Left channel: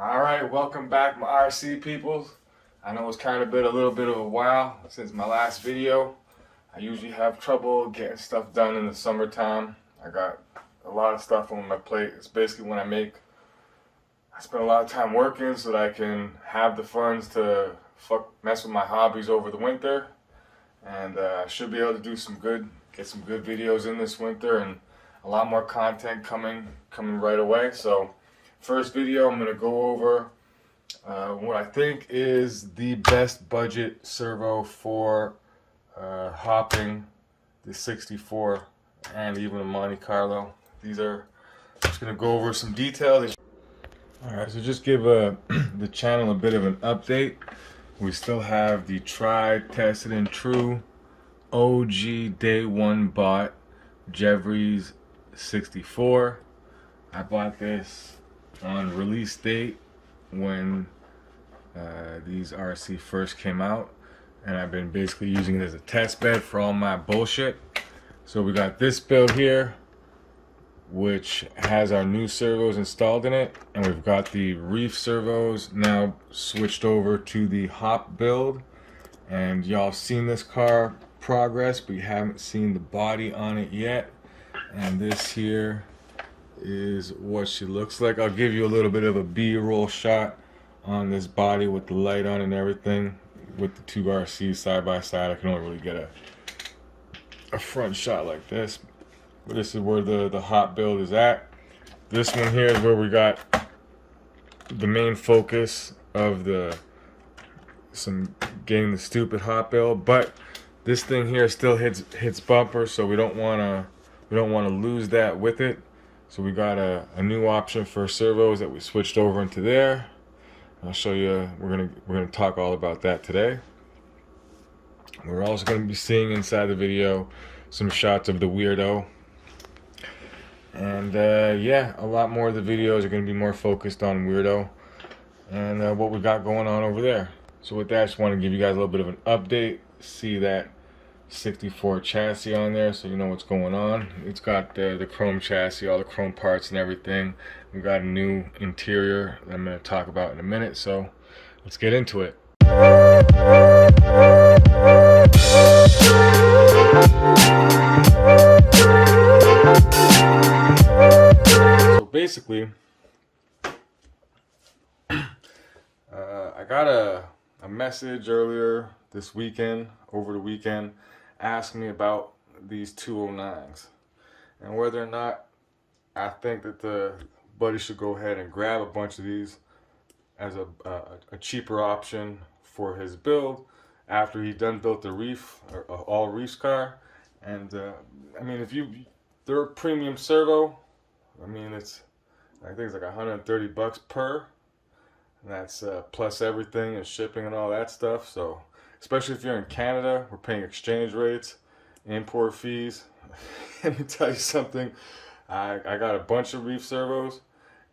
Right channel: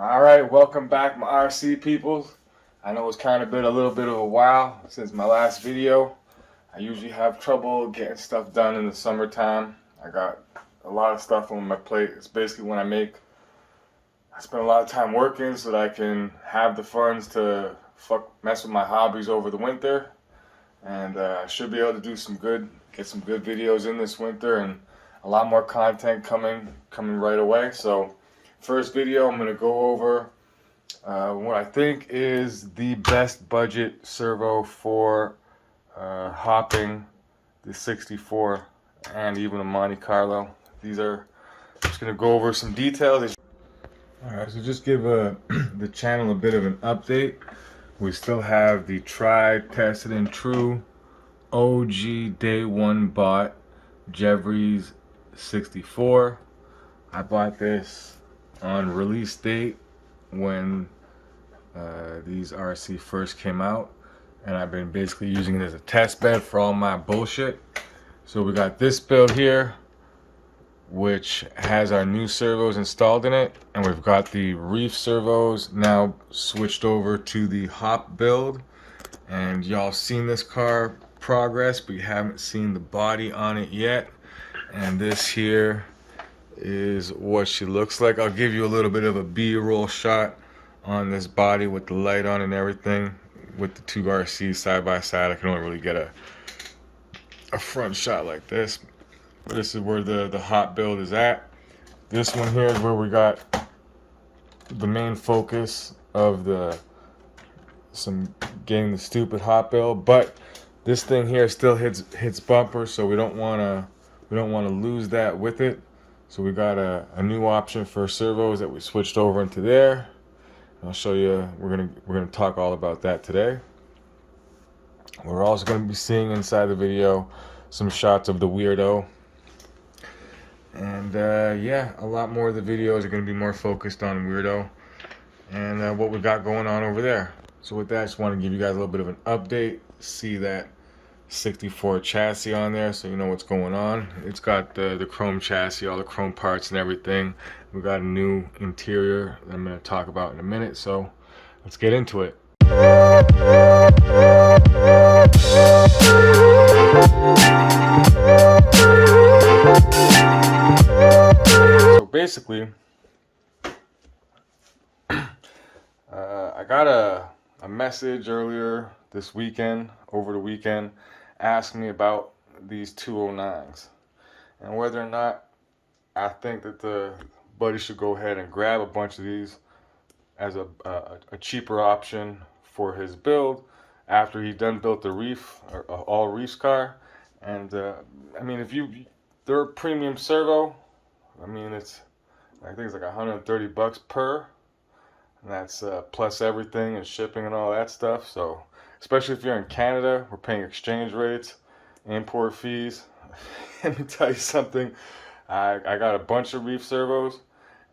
Alright, welcome back my RC peoples. I know it's kind of been a little bit of a while since my last video. I usually have trouble getting stuff done in the summertime. I got a lot of stuff on my plate. It's basically when I spend a lot of time working so that I can have the funds to mess with my hobbies over the winter. And I should be able to do get some good videos in this winter, and a lot more content coming right away. So first video, I'm going to go over what I think is the best budget servo for hopping the 64 and even a Monte Carlo. I'm just going to go over some details. Alright, so just give the channel a bit of an update. We still have the tried, tested, and true OG day one bought Jeffries 64. I bought this on release date when these RC first came out, and I've been basically using it as a test bed for all my bullshit. So we got this build here, which has our new servos installed in it, and we've got the Reef servos now switched over to the hop build. And y'all seen this car progress, but you haven't seen the body on it yet. And this here is what she looks like. I'll give you a little bit of a B-roll shot on this body with the light on and everything, with the two RCs side by side. I can only really get a front shot like this, but this is where the hot build is at. This one here is where we got the main focus of getting the stupid hot build, but this thing here still hits bumper, so we don't want to lose that with it. So we got a new option for servos that we switched over into there. I'll show you. We're gonna talk all about that today. We're also gonna be seeing inside the video some shots of the weirdo, and yeah, a lot more of the videos are gonna be more focused on weirdo and what we got going on over there. So with that, I just want to give you guys a little bit of an update. See that 64 chassis on there, so you know what's going on. It's got the chrome chassis, all the chrome parts and everything. We got a new interior that I'm going to talk about in a minute, so let's get into it. So basically, I got a message earlier this weekend, over the weekend, asking me about these 209s and whether or not I think that the buddy should go ahead and grab a bunch of these as a cheaper option for his build after he done built the Reef, or all Reefs car. And I mean, they're a premium servo. I mean, I think it's like 130 bucks per, and that's plus everything and shipping and all that stuff. So especially if you're in Canada, we're paying exchange rates, import fees. Let me tell you something. I got a bunch of Reef servos,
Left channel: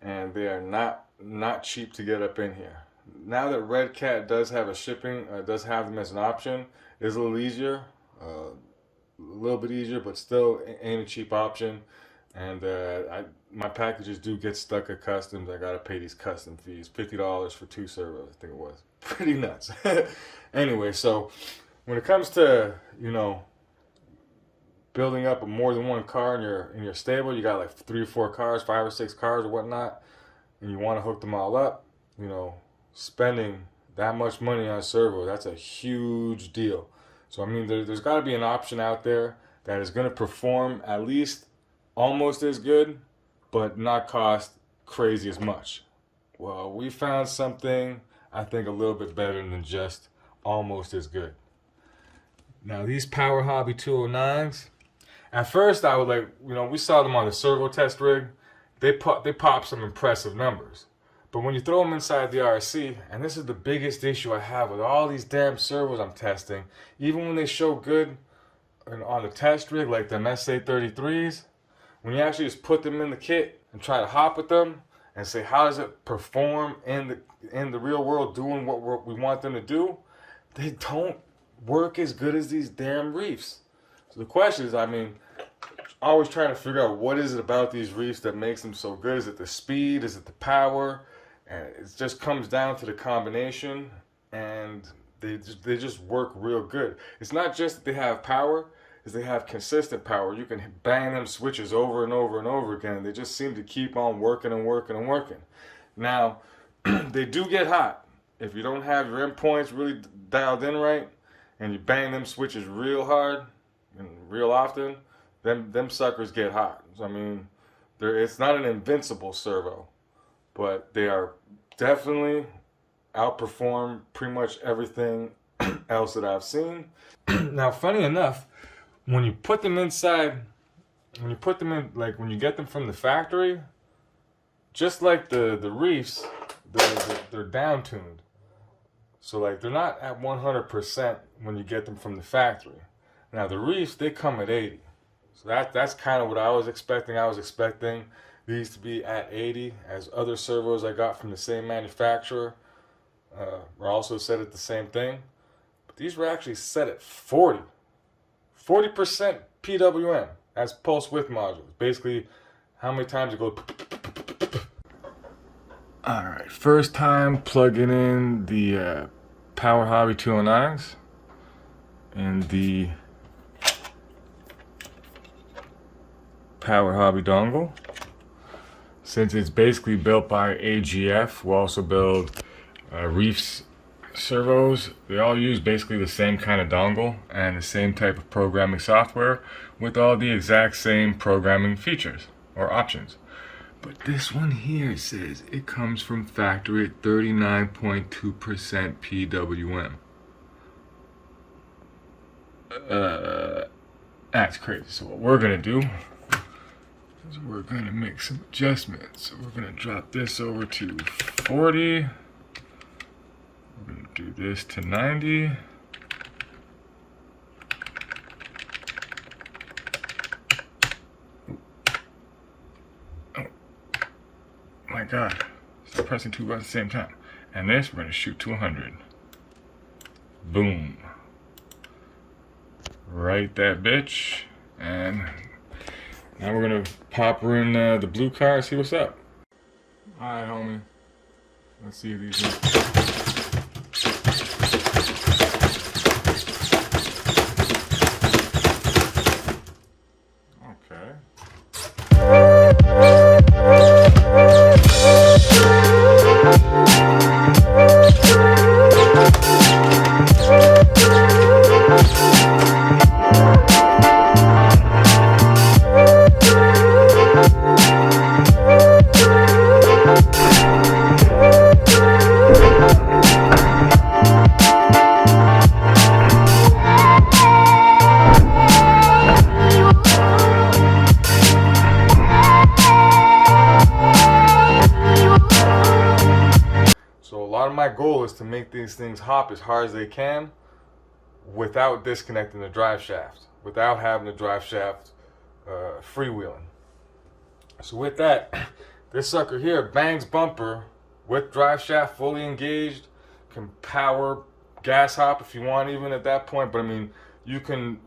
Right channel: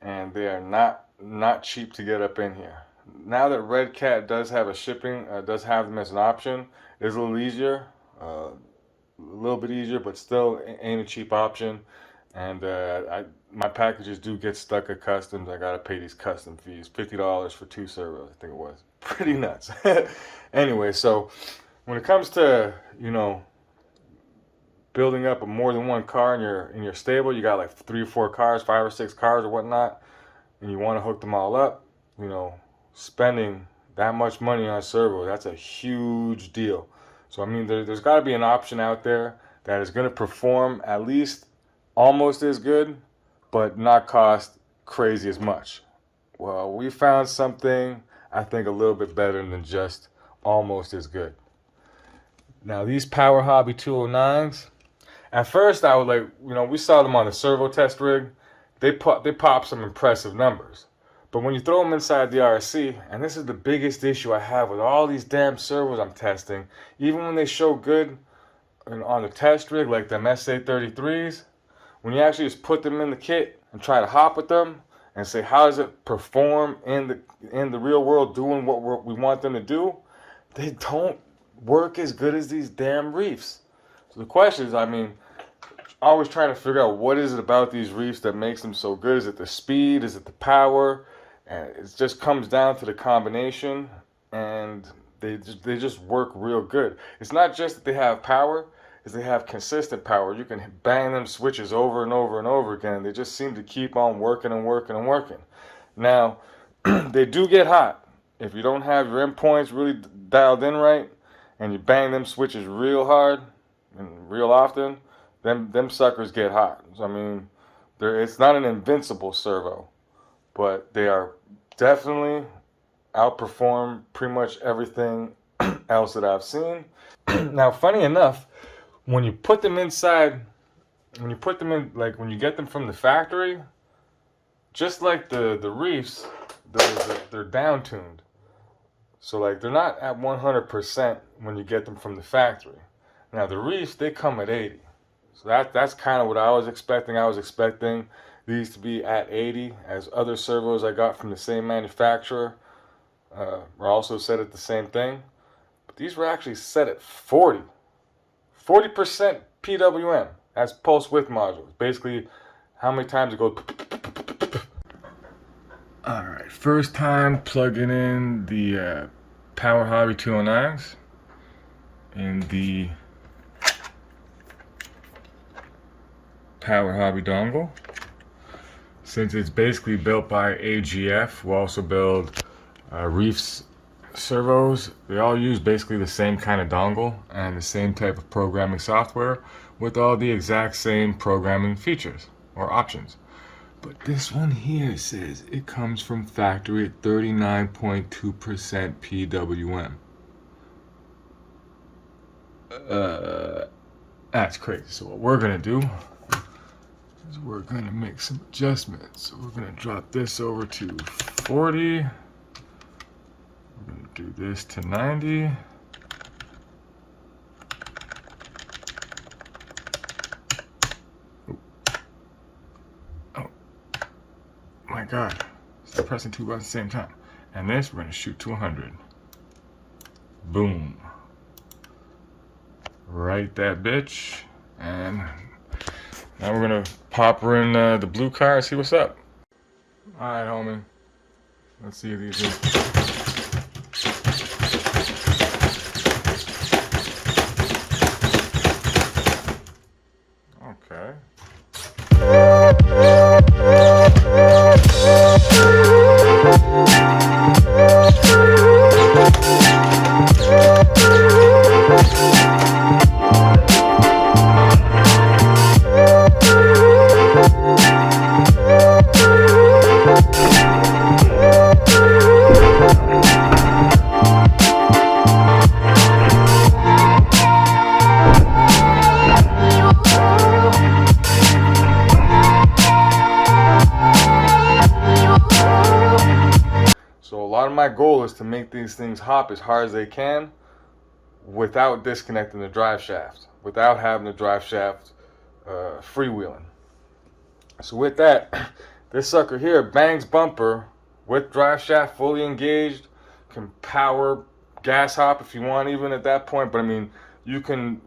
and they are not cheap to get up in here. Now that Redcat does have does have them as an option, it's a little easier, a little bit easier, but still ain't a cheap option. And my packages do get stuck at customs. I gotta pay these custom fees, $50 for 2 servos, I think it was. Pretty nuts. Anyway, so when it comes to, you know, building up more than one car in your stable, you got like 3 or 4 cars, 5 or 6 cars or whatnot, and you want to hook them all up, you know, spending that much money on servo, that's a huge deal. So I mean, there's got to be an option out there that is going to perform at least almost as good, but not cost crazy as much. Well, we found something I think a little bit better than just almost as good. Now these PowerHobby 209s, at first I was like, you know, we saw them on the servo test rig. They pop some impressive numbers. But when you throw them inside the RC, and this is the biggest issue I have with all these damn servos I'm testing, even when they show good on the test rig, like them SA33s, when you actually just put them in the kit and try to hop with them and say, how does it perform in the real world doing what we want them to do, they don't work as good as these damn Reefs. So the question is, I mean, always trying to figure out what is it about these Reefs that makes them so good. Is it the speed? Is it the power? And it just comes down to the combination, and they just work real good. It's not just that they have power, is they have consistent power. You can bang them switches over and over and over again. They just seem to keep on working and working and working. Now, they do get hot. If you don't have your endpoints really dialed in right, and you bang them switches real hard and real often, them suckers get hot. I mean, it's not an invincible servo, but they are definitely outperform pretty much everything else that I've seen. Now, funny enough, when you put them inside, when you put them in, like when you get them from the factory, just like the Reefs, they're down tuned. So like they're not at 100% when you get them from the factory. Now the Reefs, they come at 80. So that's kind of what I was expecting. I was expecting these to be at 80, as other servos I got from the same manufacturer were also set at the same thing. But these were actually set at 40. 40% PWM. That's pulse width modules. Basically, how many times it goes. Alright, first time plugging in the PowerHobby 209s and the PowerHobby dongle. Since it's basically built by AGF, we'll also build Reefs servos. They all use basically the same kind of dongle and the same type of programming software with all the exact same programming features or options. But this one here says it comes from factory at 39.2% PWM. That's crazy. So what we're gonna do is we're gonna make some adjustments. So we're gonna drop this over to 40. We're gonna do this to 90. My God, stop pressing two buttons at the same time. And this, we're gonna shoot to 100. Boom. Right that bitch. And now we're gonna pop her in the blue car and see what's up. All right, homie. Let's see if these are... My goal is to make these things hop as hard as they can without disconnecting the drive shaft, without having the drive shaft freewheeling. So with that, this sucker here bangs bumper with drive shaft fully engaged, can power gas hop if you want even at that point, but I mean, you can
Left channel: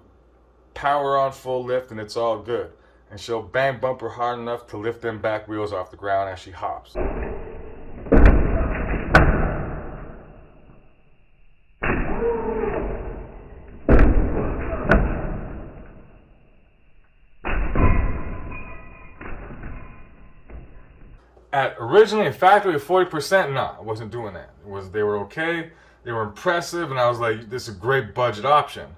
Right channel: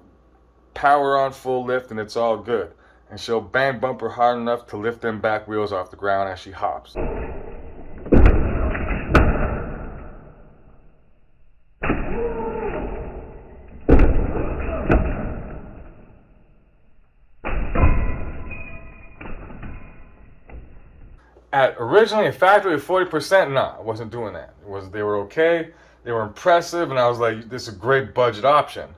power on full lift and it's all good. And she'll bang bumper hard enough to lift them back wheels off the ground as she hops. At originally a factory at 40%, nah, I wasn't doing that. They were okay, they were impressive, and I was like, this is a great budget option.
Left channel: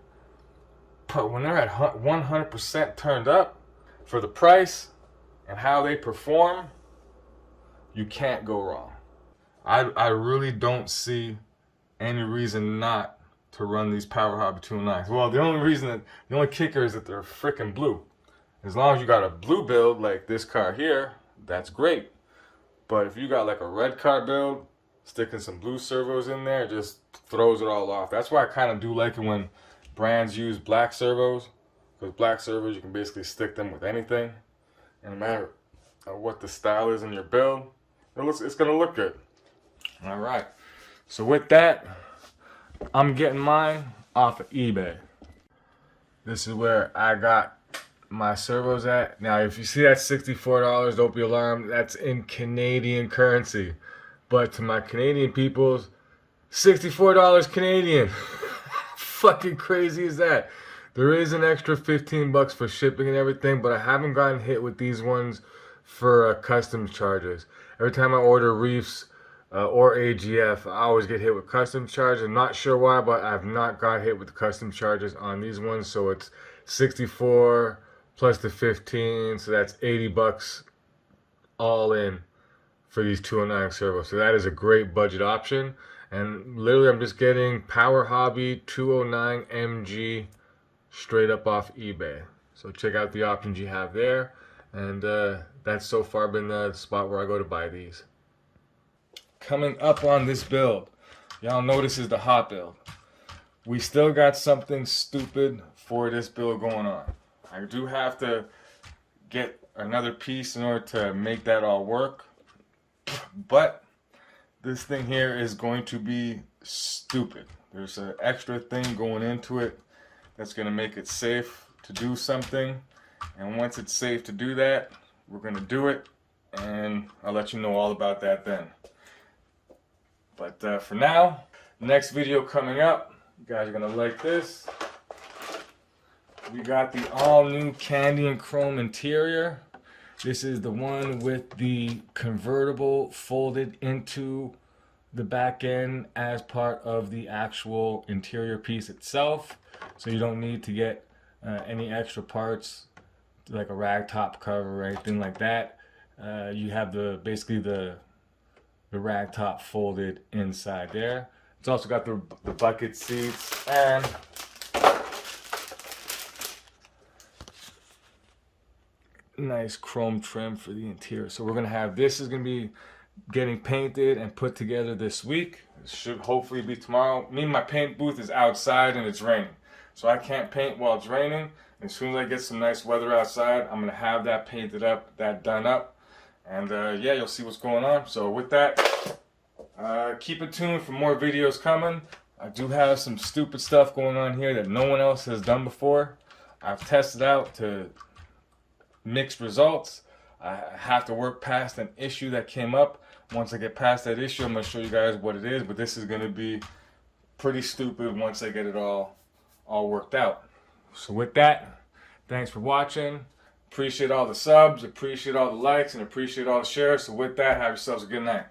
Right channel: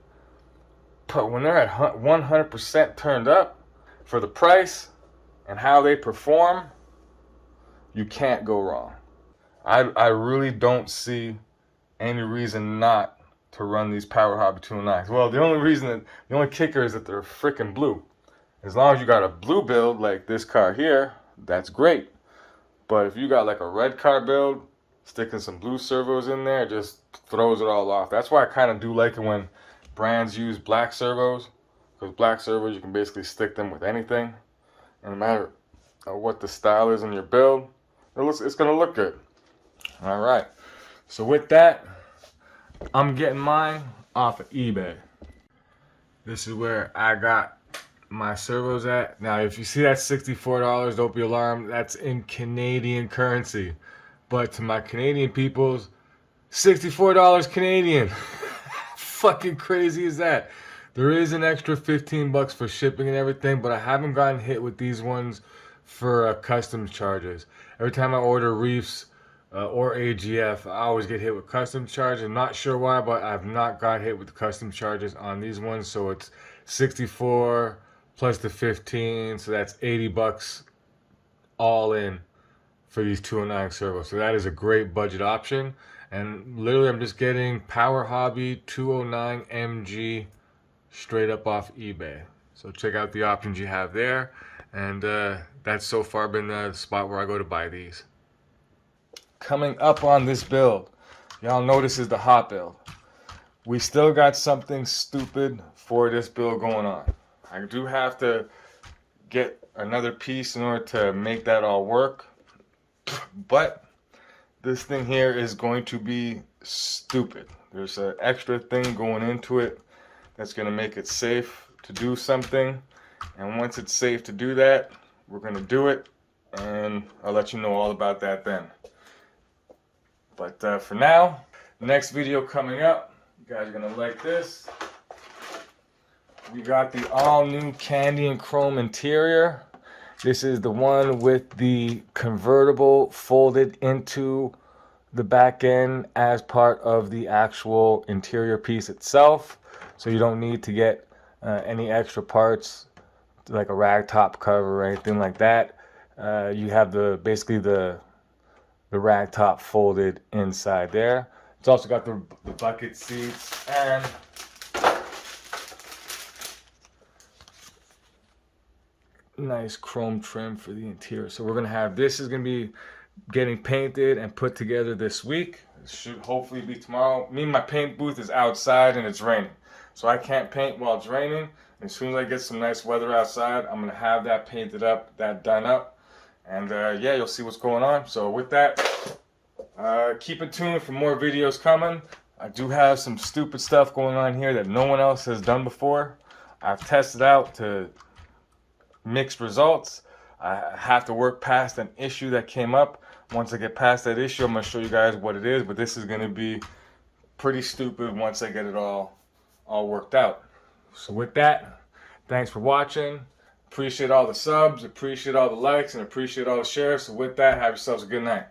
But when they're at 100% turned up for the price and how they perform, you can't go wrong. I really don't see any reason not to run these PowerHobby 209s. Well, the only kicker is that they're freaking blue. As long as you got a blue build like this car here, that's great. But if you got like a red car build, sticking some blue servos in there, it just throws it all off. That's why I kind of do like it when brands use black servos, because black servos, you can basically stick them with anything. And no matter what the style is in your build, it's going to look good. All right. So with that, I'm getting mine off of eBay. This is where I got my servos at. Now, if you see that $64, don't be alarmed. That's in Canadian currency. But to my Canadian peoples, $64 Canadian. Fucking crazy is that? There is an extra 15 bucks for shipping and everything, but I haven't gotten hit with these ones for customs charges. Every time I order Reefs or AGF, I always get hit with customs charges. I'm not sure why, but I've not got hit with the customs charges on these ones. So it's 64 plus the 15, so that's 80 bucks all in for these 209 servos. So that is a great budget option. And literally I'm just getting PowerHobby 209 MG straight up off eBay. So check out the options you have there. And that's so far been the spot where I go to buy these. Coming up on this build, y'all know this is the hot build. We still got something stupid for this build going on. I do have to get another piece in order to make that all work. But this thing here is going to be stupid. There's an extra thing going into it that's going to make it safe to do something. And once it's safe to do that, we're going to do it. And I'll let you know all about that then. But for now, next video coming up, you guys are going to like this. We got the all-new candy and chrome interior. This is the one with the convertible folded into the back end as part of the actual interior piece itself. So you don't need to get any extra parts like a rag top cover or anything like that. You have basically the rag top folded inside there. It's also got the bucket seats and nice chrome trim for the interior. So we're gonna have this is gonna be getting painted and put together this week. It should hopefully be tomorrow. Me and my paint booth is outside and it's raining, so I can't paint while it's raining. And as soon as I get some nice weather outside, I'm gonna have that painted up, that done up, and yeah, you'll see what's going on. So with that, keep it tuned for more videos coming. I do have some stupid stuff going on here that no one else has done before. I've tested out to mixed results. I have to work past an issue that came up. Once I get past that issue, I'm going to show you guys what it is, but this is going to be pretty stupid once I get it all worked out. So with that, thanks for watching. Appreciate all the subs, appreciate all the likes, and appreciate all the shares. So with that, have yourselves a good night.